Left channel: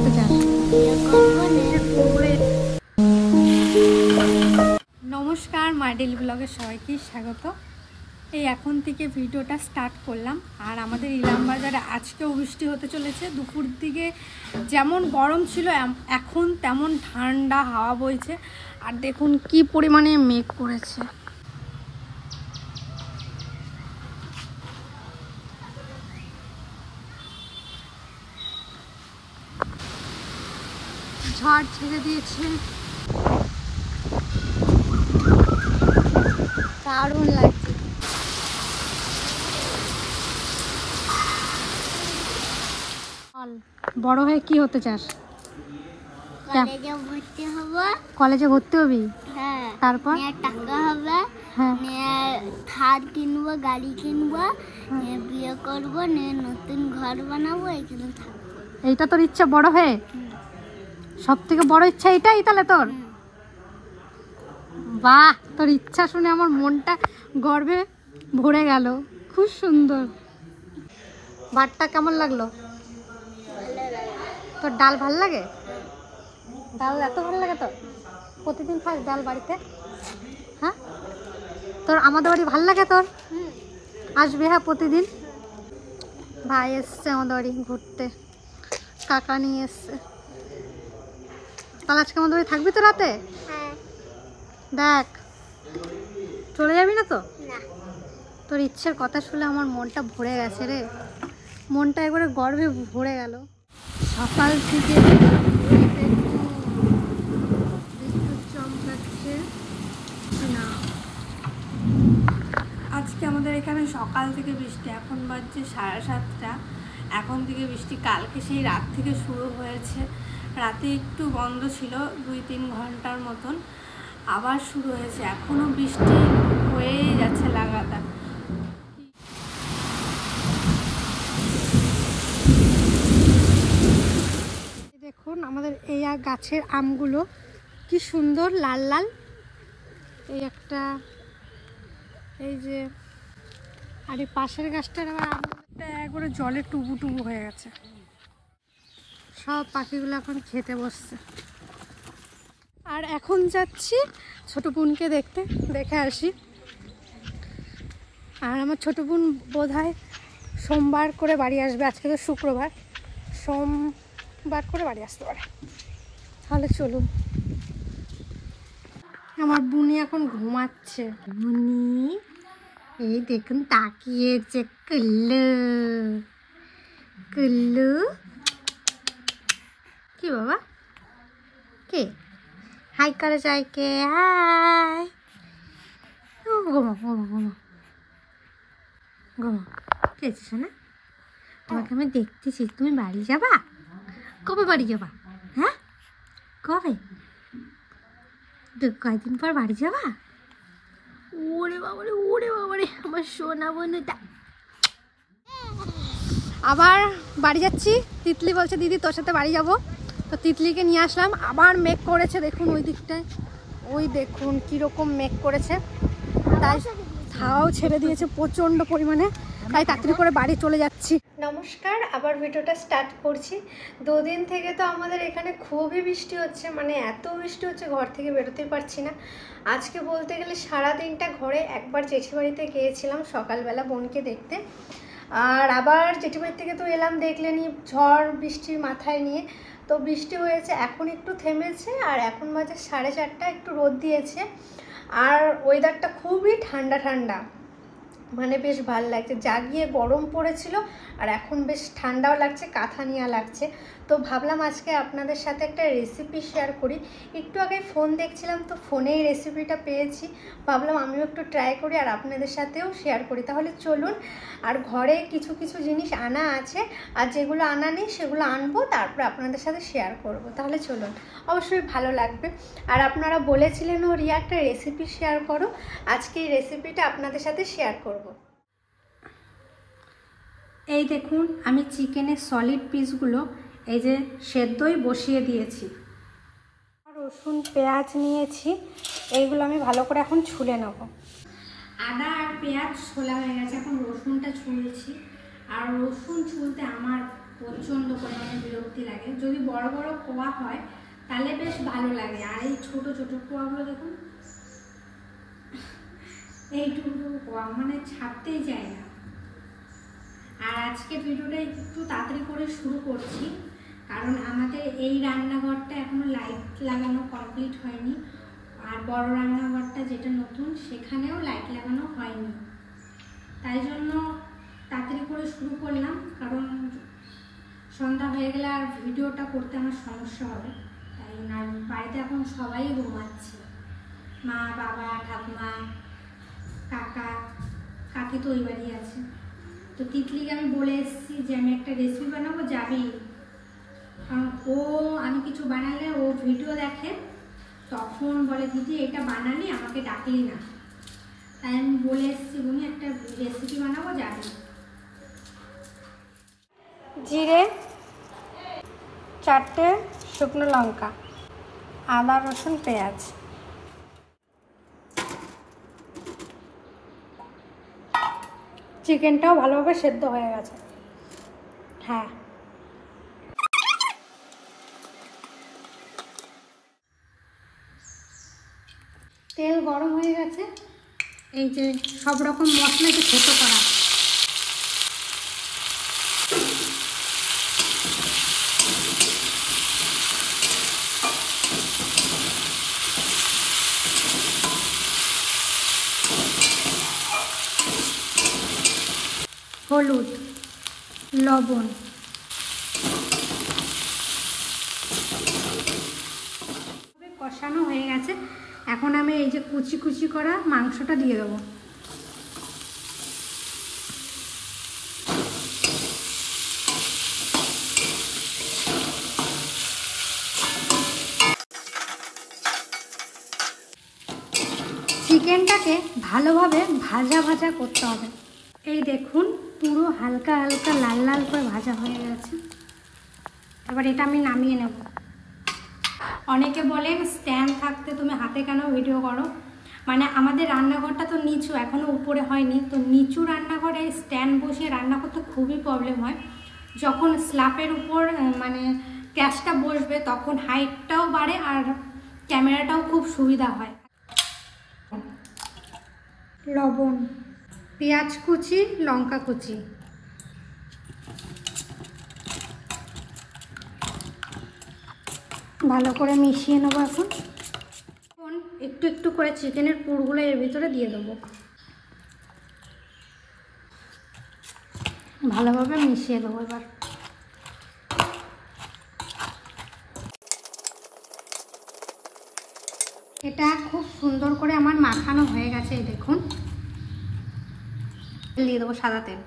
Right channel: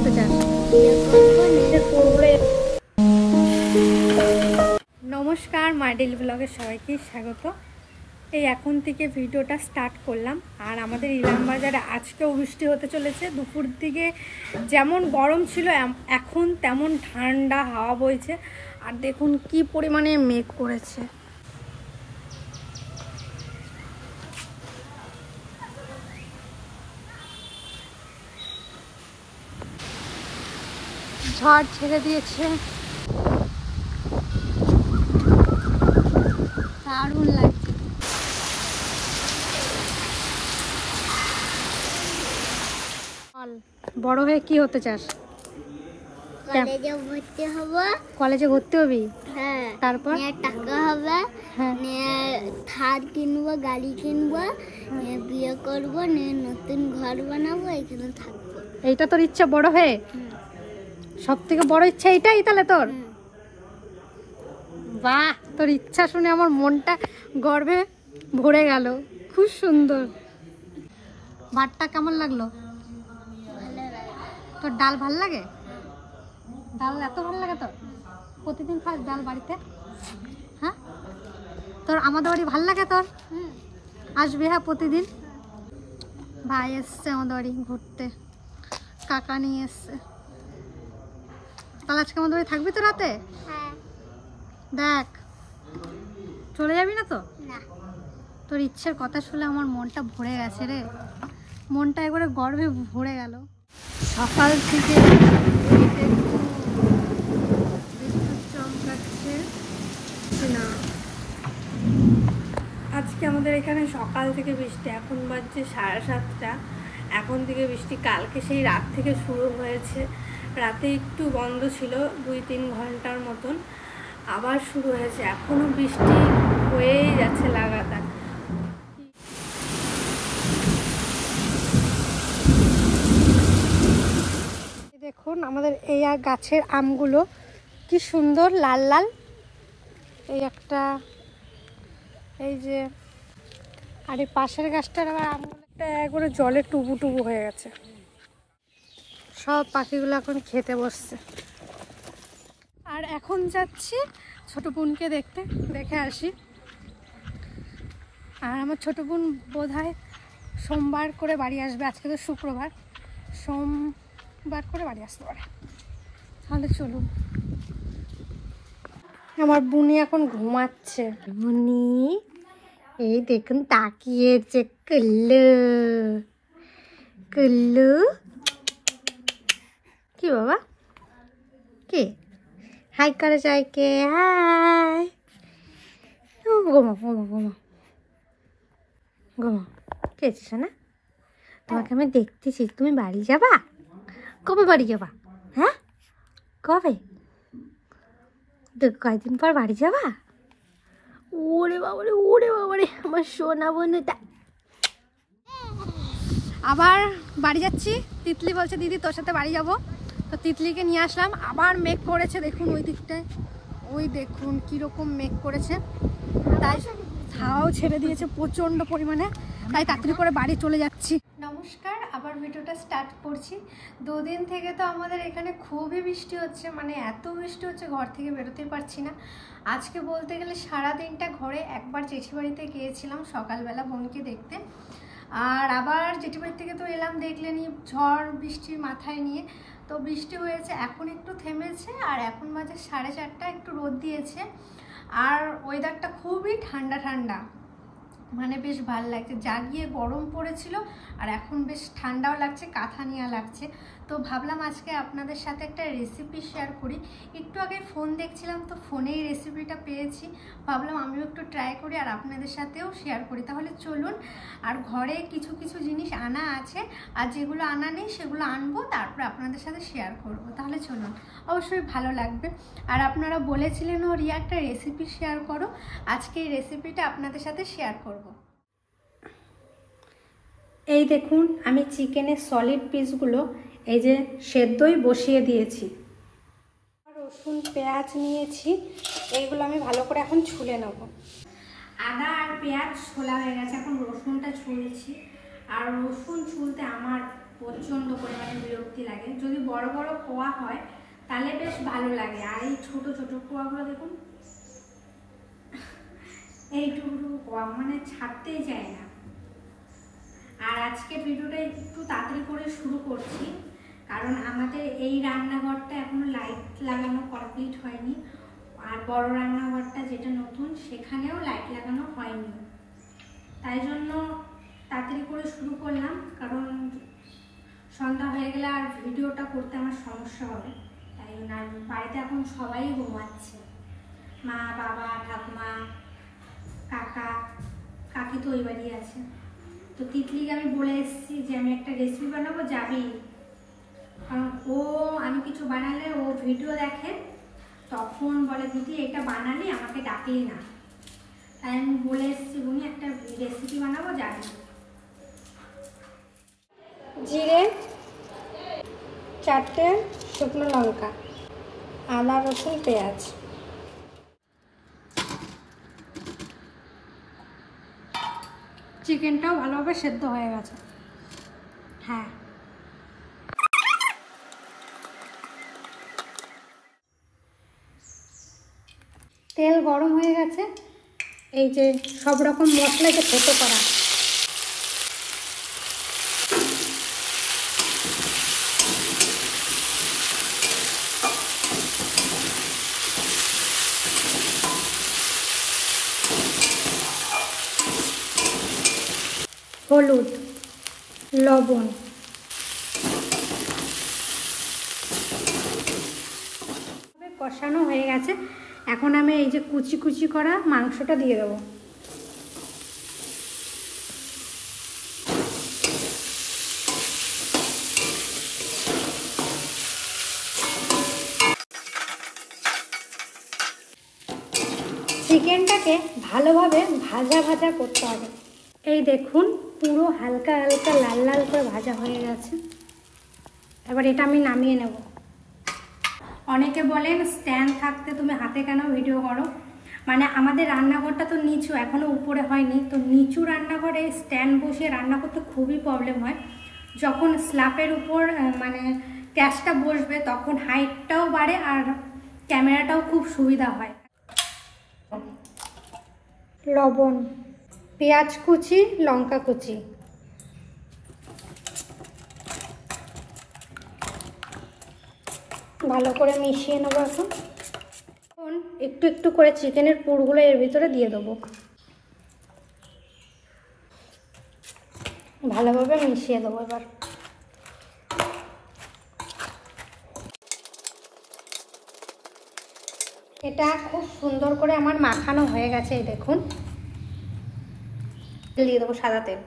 হতে চাস? নমস্কার, মাই ডেইলি ব্লগে সবাইকে স্বাগত। এই এখন থেকে ভিডিওটা স্টার্ট করলাম। আর আমাদের ইলামবাজারে আজকেও বৃষ্টি হতে চলেছে। দুপুর দিকে যেমন গরম ছিল এখন তেমন ঠান্ডা হাওয়া বইছে। আর দেখুন কি পরিমাণে মেঘ করেছে। ঝড় ছেড়ে দিয়েছে, দারুণ লাগছে। বড় হয়ে কি হতে চাস? কলেজে ভর্তি হব। কলেজে ভর্তি হবি? হ্যাঁ। তারপর টাকা হবে। হ্যাঁ। থার কিনবো, গাড়ি কিনবো, বিয়ে করবো, নতুন ঘর বানাবো, এখানে থাকবো। এইটা তোর ইচ্ছা বড় হয়ে? সব থেকে বড় ইচ্ছা এটাই তাহলে তোর? বাহ, তোর ইচ্ছা শুনে আমার মনটা গর্বে ভরে গেল। খুব সুন্দর। ভাতটা কেমন লাগলো? তোর ডাল ভাল লাগে? ডাল এত ভালো লাগে তোর? প্রতিদিন খাস ডাল বাড়িতে? হ্যাঁ, তোর আমাদের বাড়ি ভাল লাগে তোর? আসবি হ্যাঁ প্রতিদিন। ভাই এসছে আমাদের বাড়ি ঘুরতে, কাকা নিয়ে এসছে। তাহলে আজকে আমাদের বাড়ি থাকবি তো রাতে? হ্যাঁ। দেখ, চলে যাবি না তো? না। তোর ইচ্ছের কথা শুনে আমার মনটা ভরে গেছে রে। মনটা একবারে গর্বে ভরে গেল। সকাল থেকে বিদ্যুৎ চমকাচ্ছে না। আজকে আমাদের এখানে সকাল থেকে বৃষ্টি। এখন বাজছে 7:30। এখন থেকে বৃষ্টি কালকে সেই রাত থেকে শুরু হয়েছে। রাতে একটু বন্ধ ছিল 2-3 ঘন্টার মতন, আবার শুরু হয়েছে। এখনো বৃষ্টি হয়েই যাচ্ছে লাগাতার। দেখুন আমাদের এই গাছের আমগুলো কি সুন্দর লাল লাল। এই একটা, এই যে, আর এই পাশের গাছটার আবার আমগুলোটা একবারে জলে টুবু টুবু হয়ে গেছে। সব পাখিগুলো এখন খেতে বসছে। আর এখন যাচ্ছি ছোট বোনকে দেখে আসি। আর আমার ছোট বোন বোধহয় সোমবার করে বাড়ি আসবে। আজকে তো শুক্রবার, সোমবার করে বাড়ি আসতে পারে। তাহলে চলুন। আমার বুনি এখন ঘুমাচ্ছে। বুনি এই দেখুন তাকিয়েছে। কুল্লু কুল্লু, কি বাবা কি হাই করে চাইকে? হাই। ঘুমো ঘুমো ঘুমো ঘুমো। খেয়েছিস না? তোমাকে আমি দেখতেছি। তুমি বাড়ি যাবা? কবে বাড়ি যাবা? হ্যাঁ, কবে? কয়েকদিন পর বাড়ি যাবা? ওরে বাবারে, ওরে বাবারে, আমার সোনা বন্ধুটা। আবার বাড়ি যাচ্ছি। তিতলি বলছে দিদি তোর সাথে বাড়ি যাব। তো তিতলিকে নিয়ে আসলাম। আবার মেঘ করেছে, দেখুন ওই দিকটায়, ওই দেখুন কীরকম মেঘ করেছে। তাই হাওয়াও ছেড়ে দিয়েছে প্রচণ্ড পরিমাণে। তাই তাড়াতাড়ি করে বাড়ি চলে যাচ্ছি। নমস্কার, আবার ভিডিওটা স্টার্ট করছি। 2 দিন থেকে তো আমাদের এখানে খুবই বৃষ্টি হচ্ছে, মানে এত বৃষ্টি হচ্ছে ঘর থেকে বেরোতেই পারছি না। আজকে বলতে গেলে সারাদিনটা ঘরে। একবার জেঠিবাড়িতে গিয়েছিলাম সকালবেলা বোনকে দেখতে, আর আবার জেঠিবাড়ি থেকে তো এলাম, দেখলেনি ঝড় বৃষ্টির মাথায় নিয়ে। তো বৃষ্টি হয়েছে, এখন একটু থেমেছে। আর এখন বাজে 4:30, একটু রোদ দিয়েছে। আর ওয়েদারটা খুবই ঠান্ডা ঠান্ডা, মানে বেশ ভালো লাগছে। জাগিয়ে গরম পড়েছিল, আর এখন বেশ ঠান্ডাও লাগছে, কাঁথা নেওয়া লাগছে। তো ভাবলাম আজকে আপনাদের সাথে একটা রেসিপি শেয়ার করি। একটু আগে ফোন দেখছিলাম, তো ফোনেই রেসিপিটা পেয়েছি। ভাবলাম আমিও একটু ট্রাই করি আর আপনাদের সাথেও শেয়ার করি। তাহলে চলুন। আর ঘরে কিছু কিছু জিনিস আনা আছে, আর যেগুলো আনা নেই সেগুলো আনবো, তারপরে আপনাদের সাথে শেয়ার করব। তাহলে চলুন, অবশ্যই ভালো লাগবে। আর আপনারা বলেছিলেন ও রিয়া একটা রেসিপি শেয়ার করো, আজকে এই রেসিপিটা আপনাদের সাথে শেয়ার করব। এই দেখুন আমি চিকেনের সলিড পিসগুলো এই যে সেদ্ধই বসিয়ে দিয়েছি। রসুন পেঁয়াজ নিয়েছি, এইগুলো আমি ভালো করে এখন ছুলে নেব। আদা আর পেঁয়াজ ছোলা হয়ে গেছে, এখন রসুনটা ছুলছি। আর রসুন ছুলতে আমার প্রচণ্ড পরিমাণে বিরক্তি লাগে। যদি বড় বড় পোয়া হয় তাহলে বেশ ভালো লাগে, আর এই ছোট ছোট পোয়াগুলো দেখুন এইটুকু পোয়া মানে ছাড়তেই যায় না। আর আজকে ভিডিওটা একটু তাড়াতাড়ি করে শুরু করছি, কারণ আমাদের এই রান্নাঘরটা এখনো লাইট লাগানো কমপ্লিট হয়নি, আর বড় রান্নাঘরটা যেটা নতুন সেখানেও লাইট লাগানো হয়নি। তাই জন্য তাড়াতাড়ি করে শুরু করলাম, কারণ সন্ধ্যা হয়ে গেলে আর ভিডিওটা করতে আমার সমস্যা হবে। তাই বাড়িতে এখন সবাই ঘুমাচ্ছে, মা, বাবা, ঠাকুমা, কাকা, কাকি তো ওই বাড়ি আছে। তো তিতলিকে আমি বলে এসেছি যে আমি একটা রেসিপি বানাবো, যাবি? কারণ আমি কিছু বানালে ও ভিডিও দেখে, তখন বলে দিদি এটা বানালি আমাকে ডাকলি না। তাই আমি বলে এসেছি উনি একটা রেসিপি বানাবো, যাবি? জিরে, 4টে শুকনো লঙ্কা, আদা, রসুন, পেঁয়াজ। চিকেনটাও ভালোভাবে সেদ্ধ হয়ে গেছে। হ্যাঁ, তেল গরম হয়ে গেছে। এই যে সব রকম মশলাকে থেতো করা, হলুদ, লবণ, কষানো হয়ে গেছে। এখন আমি এই যে কুচি কুচি করা মাংসটা দিয়ে দেবো। চিকেনটাকে ভালোভাবে ভাজা ভাজা করতে হবে। এই দেখুন পুরো হালকা হালকা লাল লাল করে ভাজা হয়ে গেছে। এবার এটা আমি নামিয়ে নেব। অনেকে বলেন স্ট্যান্ড থাকতে তুমি হাতে কেন ভিডিও করো? মানে আমাদের রান্নাঘরটা তো নিচু, এখনো উপরে হয়নি। তো নিচু রান্নাঘরে স্ট্যান্ড বসিয়ে রান্না করতে খুবই প্রবলেম হয়। যখন স্ল্যাপের উপর মানে গ্যাসটা বসবে তখন হাইটটাও বাড়ে আর ক্যামেরাটাও খুব সুবিধা হয়। লবণ, পেঁয়াজ কুচি, লঙ্কা কুচি, ভালো করে মিশিয়ে নেব। এখন একটু একটু করে চিকেনের পুরগুলো এর ভিতরে দিয়ে দেবো, ভালোভাবে মিশিয়ে দেবো। এবার এটা খুব সুন্দর করে আমার মাখানো হয়ে গেছে। এই দেখুন, দিয়ে দেবো সাদা তেল।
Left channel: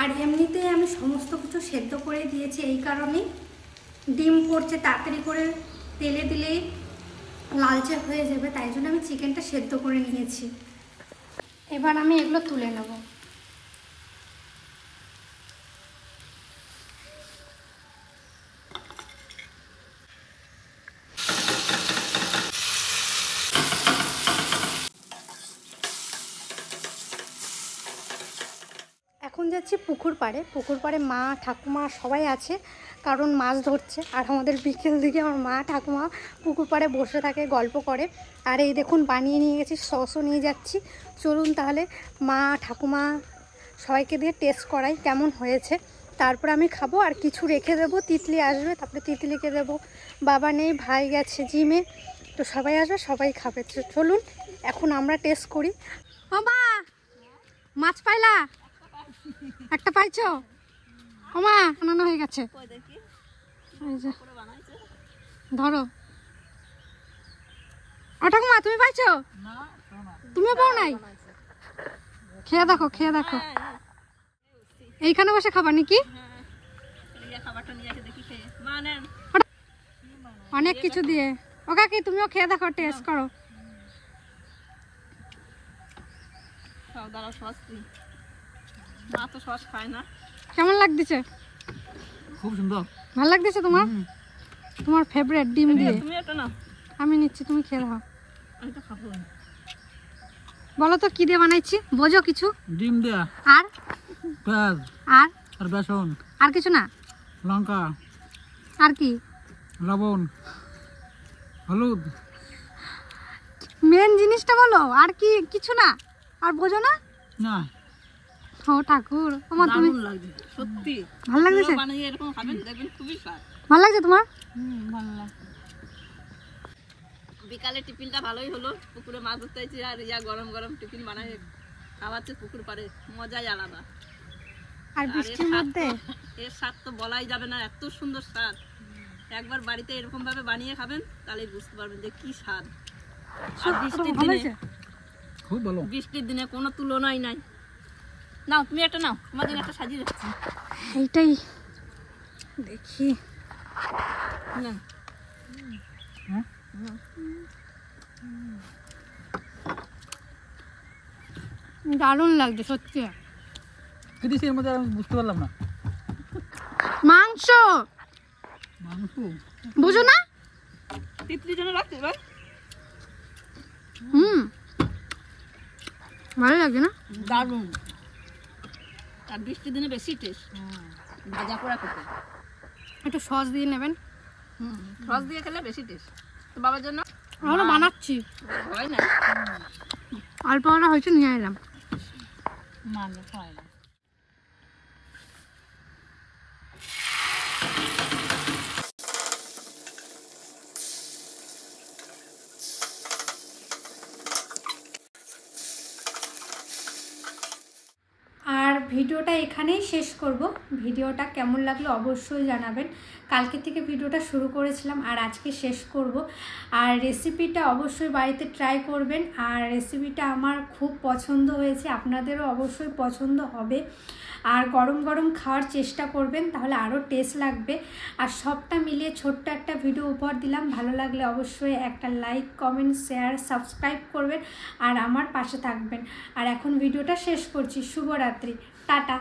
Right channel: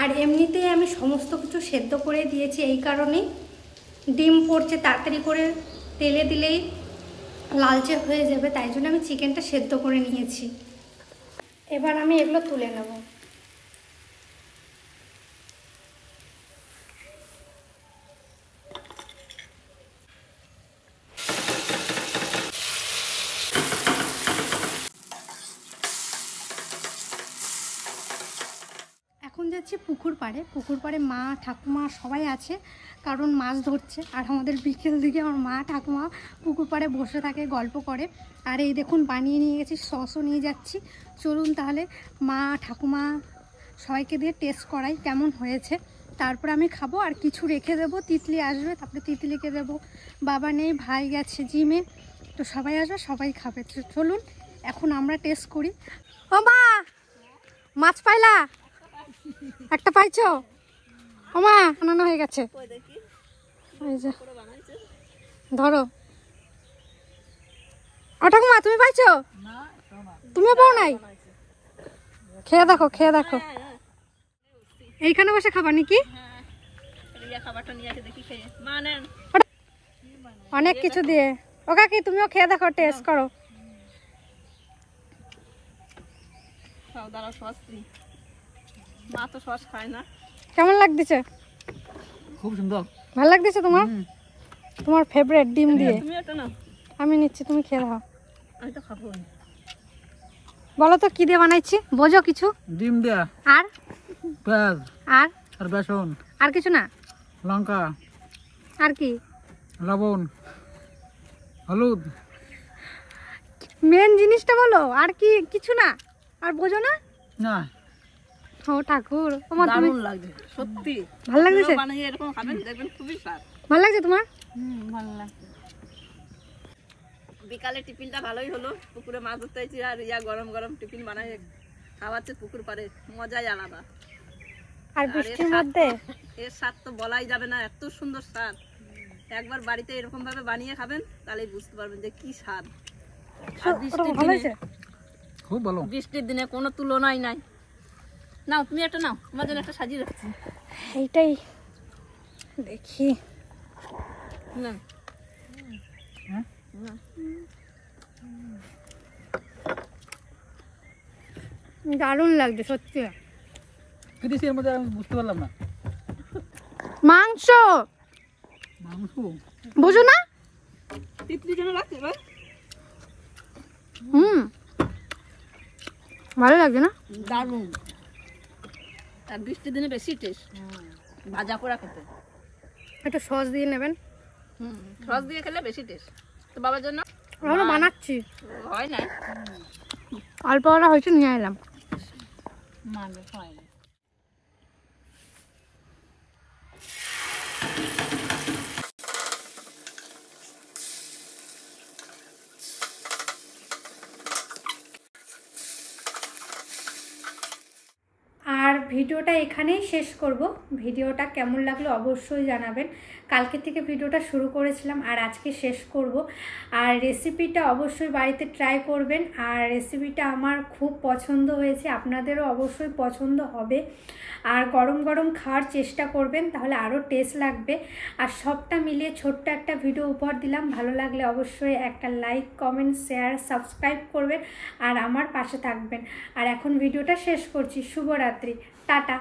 আর এমনিতে আমি সমস্ত কিছু সেদ্ধ করে দিয়েছি, এই কারণেই ডিম পড়ছে তাড়াতাড়ি করে তেলে দিলেই লালচে হয়ে যাবে, তাই জন্য আমি চিকেনটা সেদ্ধ করে নিয়েছি। এবার আমি এগুলো তুলে নেব। এখন যাচ্ছি পুকুর পাড়ে। পুকুর পাড়ে মা, ঠাকুমা সবাই আছে, কারণ মাছ ধরছে। আর আমাদের বিকেল দিকে আমার মা, ঠাকুমা পুকুর পাড়ে বসে থাকে, গল্প করে। আর এই দেখুন বানিয়ে নিয়ে গেছি, সসও নিয়ে যাচ্ছি। চলুন তাহলে মা, ঠাকুমা সবাইকে দিয়ে টেস্ট করাই কেমন হয়েছে। তারপর আমি খাবো, আর কিছু রেখে দেবো। তিতলি আসবে, তারপরে তিতলিকে দেবো। বাবা নেই, ভাই গেছে জিমে, তো সবাই আসবে, সবাই খাবে। চলুন এখন আমরা টেস্ট করি। ও মা, মাছ পাইলা? একটা পাইছো? ও মা, বানানো হয়ে গেছে। ধরো। ও ঠাকুমা, তুমি পাইছো? তুমিও পাও নাই? খেয়ে দেখো, খেয়ে দেখো। এইখানে বসে খাবার নাকি? অনেক কিছু দিয়ে। ও কাকি, তুমিও খেয়ে দেখো, টেস্ট করো। দাঁড়াও সস দিই, মা তো সস খায় না। কেমন লাগতেছে? খুব সুন্দর। ভালো লাগতেছে তোমার? তোমার ফেভারিট ডিম দিয়ে। তুমি এটা না, আমি নিচ্ছি, তুমি খেয়ে দাও। আমি তো খাবো। বলো তো কি দিয়ে বানাইছি, বোঝো কিছু? ডিম দেয়া, আর পেঁয়াজ আর আর বেসন, আর কিছু না? লঙ্কা, আর কি? লবণ, হলুদ। মেন জিনিসটা বলো, আর কি কিছু না? আর বোঝো না? না, ও ঠাকুর, আমার তুমি দারুণ লাগছে সত্যি। ভালো লাগছে? বানিয়ে এরকম খাবেন, দেখবেন খুবই স্বাদ। ভালো লাগছে তোমার? ভালো লাগছে। বিকালে টিফিনটা ভালোই হলো, পুকুরে মাছ ধরতে হয়েছে আর গরম গরম টিফিন বানাই খাওয়াচ্ছে পুকুর পাড়ে, মজাই আলাদা। আর বৃষ্টির মধ্যে এর স্বাদ তো বলাই যাবে না, এত সুন্দর স্বাদ। একবার বাড়িতে এরকম ভাবে বানিয়ে খাবেন, তাহলে বুঝতে পারবেন যে কি স্বাদ। আর বৃষ্টির ভালো দিনে, হয়েছে? খুব ভালো। বৃষ্টির দিনে কোনো তুলনাই নাই। নাও তুমি একটা নাও, তোমার জন্য একটা সাজিয়ে রাখছি। এইটাই দেখি। নাও। দারুণ লাগছে সত্যি। কি দিছি এর মধ্যে আমি বুঝতে পারলাম না। মাংস, মাংস। বুঝো না? তিতলির জন্য রাখছি ভাই। ভালো লাগছে না? দারুণ। আর বৃষ্টির দিনে বেশি টেস্ট ভাজা করে খেতে। একটু সস দিয়ে নেবেন। সস দিয়ে খেলে বেশি টেস্ট। তো বাবার জন্য আমরা বানাচ্ছি, হয় না, অল্প অল্প হয়েছে, নিয়ে এলাম। হয় না। আর ভিডিওটা এখানেই শেষ করব। ভিডিওটা কেমন লাগলো অবশ্যই জানাবেন। কালকে থেকে ভিডিওটা শুরু করেছিলাম আর আজকে শেষ করব। আর রেসিপিটা অবশ্যই বাড়িতে ট্রাই করবেন। আর রেসিপিটা আমার খুব পছন্দ হয়েছে, আপনাদেরও অবশ্যই পছন্দ হবে। আর গরম গরম খাওয়ার চেষ্টা করবেন, তাহলে আরও টেস্ট লাগবে। আর সবটা মিলিয়ে ছোট্ট একটা ভিডিও উপহার দিলাম। ভালো লাগলে অবশ্যই একটা লাইক, কমেন্ট, শেয়ার, সাবস্ক্রাইব করবেন আর আমার পাশে থাকবেন। আর এখন ভিডিওটা শেষ করছি। শুভরাত্রি, টাটা।